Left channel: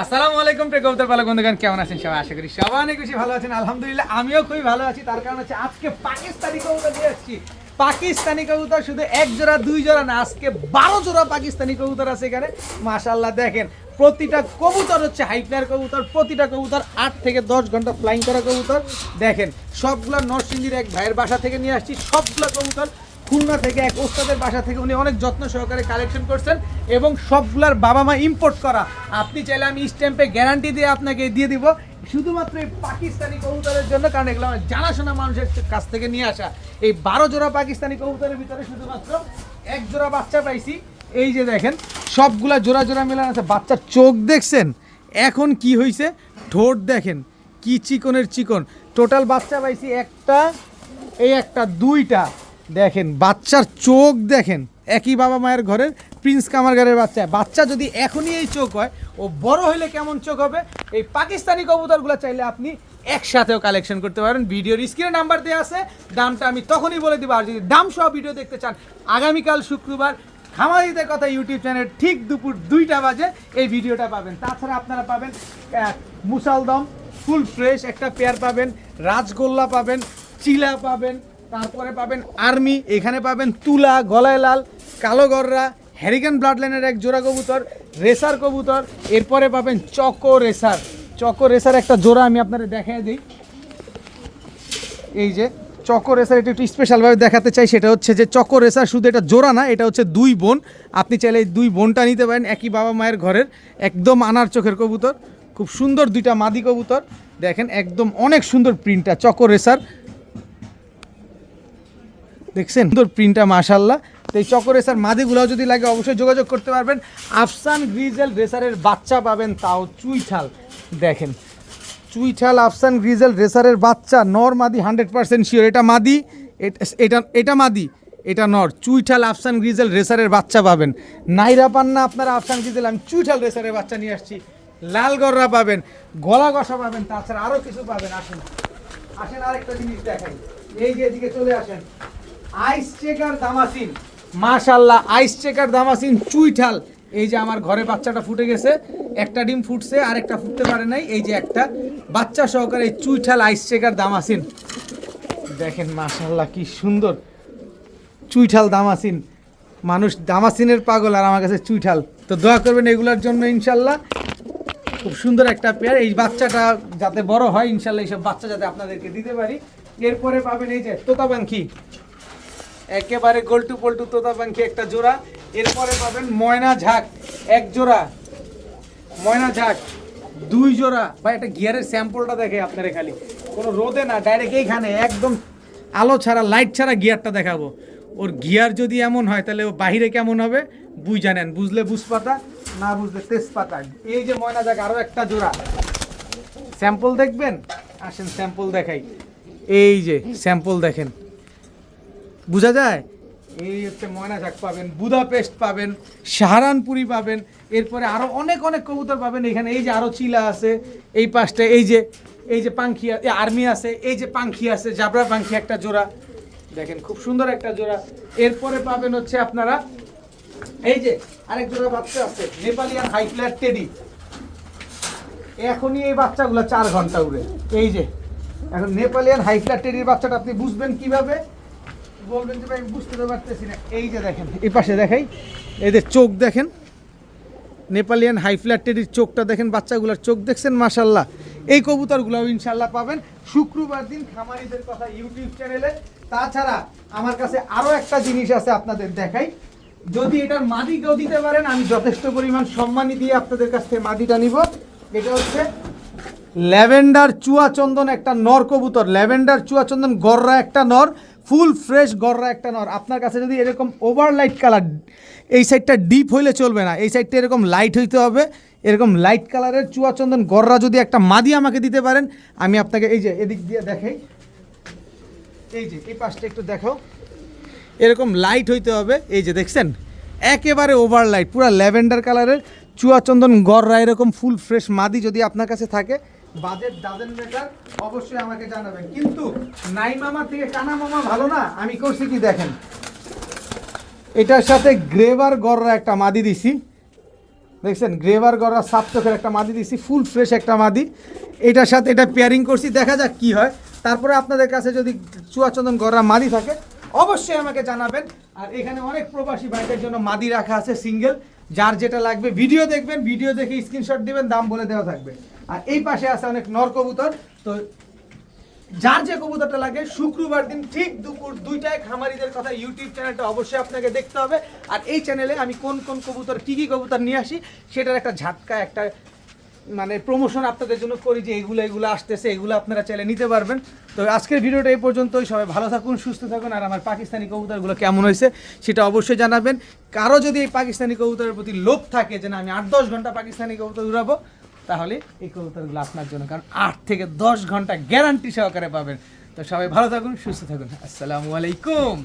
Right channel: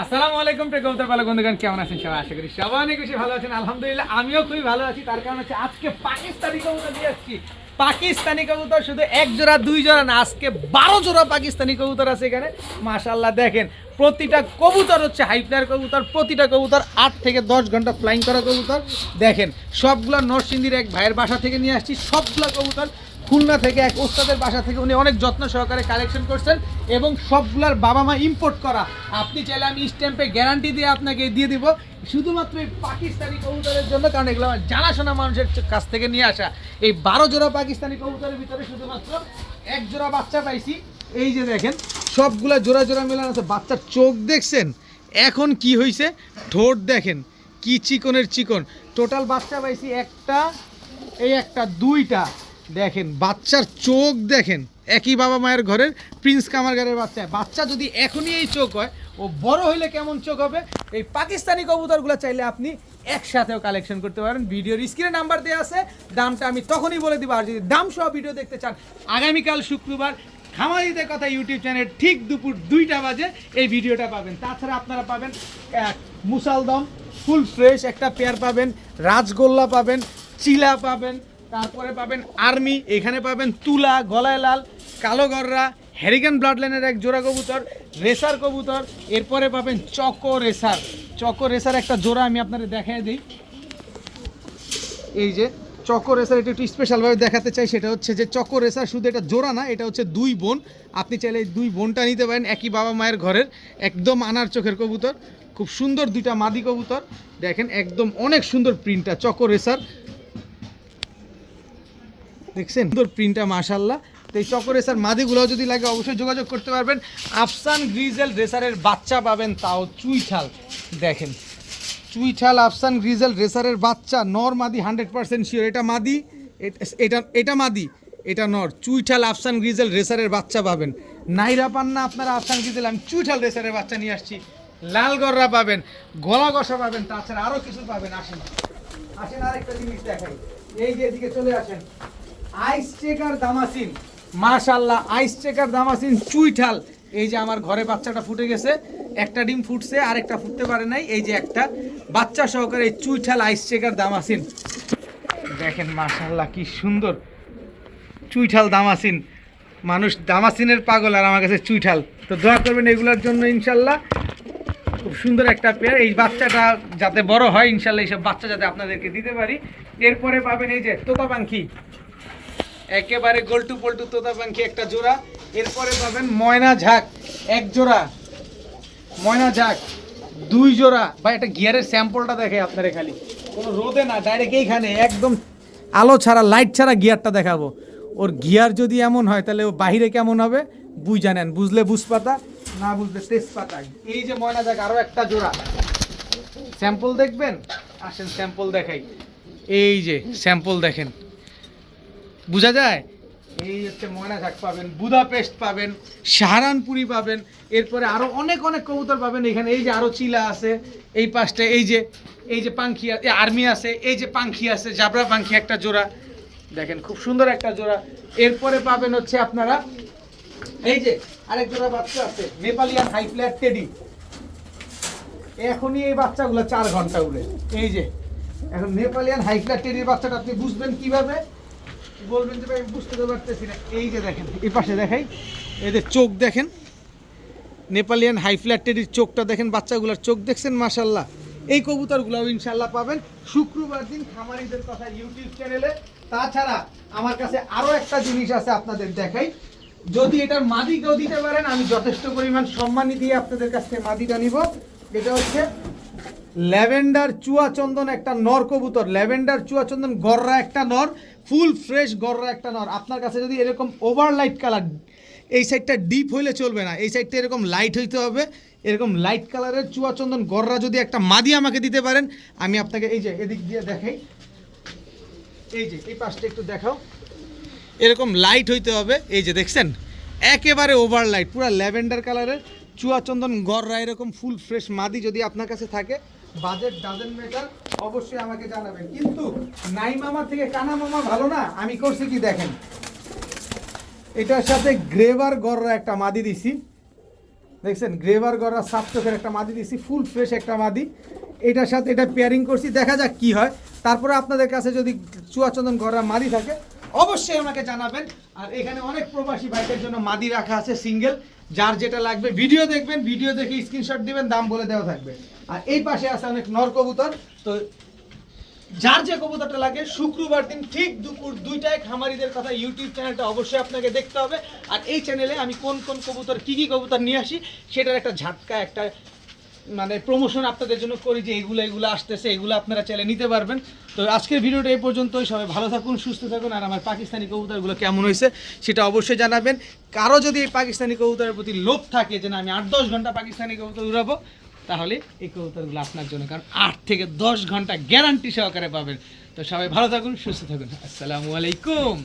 আসসালামু আলাইকুম কবুতর পালক বন্ধুগণ, কেমন আছেন সবাই? আশা করি সবাই অনেক বেশি ভালো আছেন। আলহামদুলিল্লাহ আমিও খুবই ভালো আছি। তার কারণ হচ্ছে আজকে পাকিস্তানি কবুতর নিয়ে এসেছি। পাকিস্তানি কবুতর শুধু এক জোড়া দুই জোড়া না, আজকে 12 জোড়া পাকিস্তানি কবুতর আছে এখানে। মাশাআল্লাহ দেখেন, প্রতিটা কবুতর হচ্ছে হাইফ্লার কবুতর, প্রতিটা কবুতর 8 থেকে 10 ঘন্টা ফ্লাইং করা কবুতর। দেখেন সবগুলো নরসিংদীর এক ভাইয়ের বাসা থেকে নিয়ে আসছি। সবগুলো কবুতর খুলনা থেকে এক ওস্তাদের বাসা থেকে উনি অনেক যত্ন সহকারে কালেকশন করছেন এবং সবগুলার বাবা মা ইম্পোর্ট করা। আপনি চাইলে আমি স্ট্যাম্পে গ্যারান্টি দিয়ে আপনাকে দিয়ে দিব শুধুমাত্র এই পাকিস্তানি কবুতরের জন্য, কারণ এগুলো জানাশোনা মানুষের কাছ থেকে নিয়ে আসা। এই 12 জোড়া পাকিস্তানি কবুতরের ভিতরে শুধুমাত্র এক জোড়া বাচ্চা পাইছি। এই যে দেখেন সবগুলা জোড়া জোড়া মেলান আছে। বাচ্চার চোখ দেখছেন এখন কি হয়েছে, ঠোঁট দেখেন কি চিকনের চিকন। টোটাল বাচ্চা পাইছি একটা, এই একটা দুইটা। দেখেন বাচ্চার চোখ দেখেন, একই বাবা মায়ের ঘরের প্রিন্স কামারগারের বাচ্চা। বাচ্চা যদি এখনই এই চোখ হয়, ও বড় হইলে কেমন চোখ হবে। এই পাকিস্তানি কবুতরগুলো চাইলে আপনি একসাথেও কালেকশন করতে পারেন। ভিডিওর স্ক্রিনে নাম্বার দেওয়া আছে, দামটা আমি তখনই বলে দিব। আর যদি দাম সহ ভিডিও দেখতে চান, আগামীকাল শুক্রবার খামারিদের কথা ইউটিউব চ্যানেল ঠিক দুপুর 2টা বাজে এই ভিডিওটা পাবেন। তাছাড়া আপনারা পাবেন মুসালদম ফুল ফ্রেশ একটা পেয়ার পাবেন, রাজগোল্লা পাবেন, চিলা পাবেন, তারপরে পাবেন আর্মি, এখানে পাবেন তুলা, গলায় লাল, কালো গররা, হ্যারিকেন ব্লাড লাইনের এক জোড়া কবুতর, রেসার কবুতর। এরপরে পাবেন চকো রেসার। চকো রেসার একটা জোড়া আমি আপনাদের দেখায় দিই। এই যে চকো রেসার, এটা একটু স্পেশালভাবে দেখাতে চাই। সেটা হচ্ছে যে চকো রেসার শুধু এটা জোড়া না, এটা হচ্ছে দুই বোন। আপনি চাইলে এই দুই বোনটা নিতে পারেন, একই বাবা মায়ের ঘরের, একদম আনার চোখের কবুতর। খুব সুন্দর দুইটা মাদি কবুতর। দেখেন একদম অনেক সুন্দর প্রিন্টটা চকো রেসার, দেখছেন সুন্দর প্রিন্টটা মাশাআল্লাহ। তো এই চকো রেসার মাদিগুলোও যদি লাগে অবশ্যই যোগাযোগ করতে পারবেন। আফসান গ্রিজেল রেসারের বাচ্চা পাবেন, তাও চুইঠাল। দেখেন চুইঠাল আফসান গ্রিজেল রেসারের বাচ্চা, নর মাদি 100% শিওর। এটা মাদি, এটা মাদি, এটা নর। চুইঠাল আফসান গ্রিজেল রেসারের বাচ্চা পাবেন। নাইরা পান না আপনারা আফসান গ্রিজেল, আমি চুইঠাল রেসারের বাচ্চা নিয়ে আসছি। লাল গররা পাবেন, গলা কষা পাবেন, তাছাড়া আরও কিছু পাবেন। আসেন আসেন আরেকটা জিনিস দেখাই। এই যে এদিকে চলে আসেন, আইস চেকার দামাসিন, মাশাআল্লাহ আইস চেকার দামাসিন চুইঠাল। এই যে আমার ঘরে বাচ্চাটা ফুটে গেছে, একটা ডিম ফুটছে আর একটা ফুটতে পারে নাই। এই যে একটা বাচ্চা সহকারে এই চুইঠাল আইস চেকার দামাসিন। দেখেন মাশাআল্লাহ কি সুন্দর চুইঠাল দামাসিন। মানুষ দামাসিনের পাগল, আর আমার কাছে চুইঠাল। তো দোয়া করবেন এগুলোর জন্য ইনশাল্লাহ। খুব সুন্দর একটা পেয়ার। এই বাচ্চাটা যাতে বড় হয় ইনশাল্লাহ, এইসব বাচ্চা যাতে আপনাদেরকে দিতে পারি। এরপরে পাবেন এই যে তোতা পাখি, একেবারে গোল্টু পল্টু তোতা পাখি একটা জোড়া। এরপরে পাবেন ময়না ঝাঁক এক জোড়া, ময়না ঝাঁক দুই জোড়া। বা এটা গিয়ারের স্যাম্পলটা দেখে আপনারা, খালি কোনো রোদে না, ডাইরেক্ট এইখানে একদম আলো ছাড়া লাইট ছাড়া গিয়ারটা দেখাবো। ওর গিয়ার যদি এমন হয় তাহলে ও বাহিরে কেমন হবে বুঝ জানেন, বুঝলে বুঝপাতা, না বুঝলে তেজপাতা। এই যে ময়না ঝাঁক আরও একটা জোড়া, স্যাম্পল দেখবেন। আসেন স্যাম্পল দেখাই। এই যে স্যাম্পল দেখেন, বোঝা যায়। এই হচ্ছে ময়না ঝাঁক পাবেন, বুদাপেস্ট পাবেন, সাহারানপুরি পাবেন। এরপরে আরও অনেক অনেক কবুতর পাবেন এখানে। এই যে আরও চিলা আছে এই পাশটা, এই যে পাখি আর্মি আছে, এই যে পাখি আছে, জাবরা পাখি একটা জোড়া। দেখেন খুব সুন্দর একটা জোড়া। এরপরে পাবেন হচ্ছে আপনারা এই যে আরেক জোড়া বাচ্চা আছে, নেপালিয়ান হাই ফ্ল্যাট টেডি। এখনই এই বাচ্চাগুলো 4 ঘন্টা উড়ে। এই যে এখন নেপালিয়ান হাই ফ্ল্যাট টেডির বাচ্চাটা আপনি বুঝবেন কিভাবে, বলবেন যে ভাই বুঝতে তো পারতেছি না। এই যে দেখেন এই পাশে দেখাই, এদের চোখ দেখেন, নেপালিয়ান হাই ফ্ল্যাট টেডির চোখটা দেখেন, বাচ্চাগুলোর চোখ দেখছেন মাশাআল্লাহ। এই কবুতরগুলোও ইনশাল্লাহ পাবেন শুক্রবার দিন খামারিদের কথা ইউটিউব চ্যানেলে। তাছাড়া আমার কাছে আরও একটা জিনিস আছে আপনাদের দেখাই। যদি এটার মাদি কেউ দিতে পারেন, আমি যথেষ্ট পরিমাণ সম্মানী দিয়ে আপনাদের কাছ থেকে মাদিটা নিব। এটা হচ্ছে ল্যাভেন্ডার চুয়াচন্দন একটা নর কবুতর, ল্যাভেন্ডার চুয়াচন্দন গররা একটা নর, ফুল ফ্রেশ গররা একটা নর। আপনার কাছে যদি এরকম ওভার লাইট কালার, এই সাইডটা ডিপ হইলে চলবে না, এই সাইডটা এরকম লাইট হইতে হবে। এরকম লাইট কালারের চুয়াচন্দন গররা যদি একটা মাদি আমাকে দিতে পারেন, আমি আপনাকে এই যে এদিক দিয়ে দেখাই, এই যে এই পাশটা একটু দেখাও, এরকম লাইট হইতে হবে। এই যে দেখছেন একেবারে ওভার লাইট, পুরো ল্যাভেন্ডার কালারের চুয়াচন্দন গররা এরকম ফুল ফ্রেশ মাদি যদি আপনার কাছে থাকে, বাজেট ডাজেন্ট ম্যাটার, অবশ্যই আমাকে জানাবেন। কিন্তু নাই মামা থেকে কানা মামা ভালো না, আমি করছি কি দেখেন, এটার সাথে গ্রেভার গররা একটা মাদি দিছি। দেখছেন গ্রেভার করা সাপ চোখের একটা মাদি দিছি, ফুল ফ্রেশ একটা মাদি। এটার সাথে এটা পেয়ারিং করছি, দেখা যাক কি হয়। তারপরে আপনাদের কাছে যদি চুয়াচন্দন গড়া মাদি থাকে অবশ্যই আমাকে জানাবেন। আর এখানে অনেক প্রবাসী ভাইদের জন্য মাদি রাখা আছে সিঙ্গেল, যার যেটা লাগবে ভিডিও দেখবেন, ভিডিও দেখে স্ক্রিনশট দিবেন, দাম বলে দেওয়া থাকবে। আর এই পাশে আছে অনেক নর কবুতর। তো যার যে কবুতরটা লাগে শুক্রবার দিন ঠিক দুপুর 2টায় খামারিদের কথা ইউটিউব চ্যানেলটা অবশ্যই আপনাকে দেখতে হবে। আর এই চ্যানেলে আমি কোন কোন কবুতর কী কী কবুতর নিয়ে আসি সেটার একটা ঝাটকা, একটা মানে প্রমোশন আপনাদের জন্য করি, যে এগুলো আসতেছে, এগুলো আপনারা চাইলে নিতে পারবেন। তো আজকের ভিডিওটা এই পর্যন্তই। সবাই ভালো থাকুন, সুস্থ থাকুন। আর আমার পাকিস্তানি কবুতরগুলো কেমন হয়েছে সেটা অবশ্যই জানাবেন। কারো যদি এই পাকিস্তানি কবুতরের প্রতি লোভ থাকে যে না আমি 8-10 ঘন্টা পাকিস্তানি কবুতর উড়াবো, তাহলে এই কবুতরগুলো আপনার জন্য, কারণ 8 থেকে 10 ঘন্টা গ্যারান্টি সহকারে পাবেন। তো সবাই ভালো থাকুন, সুস্থ থাকুন। আসসালামু আলাইকুম।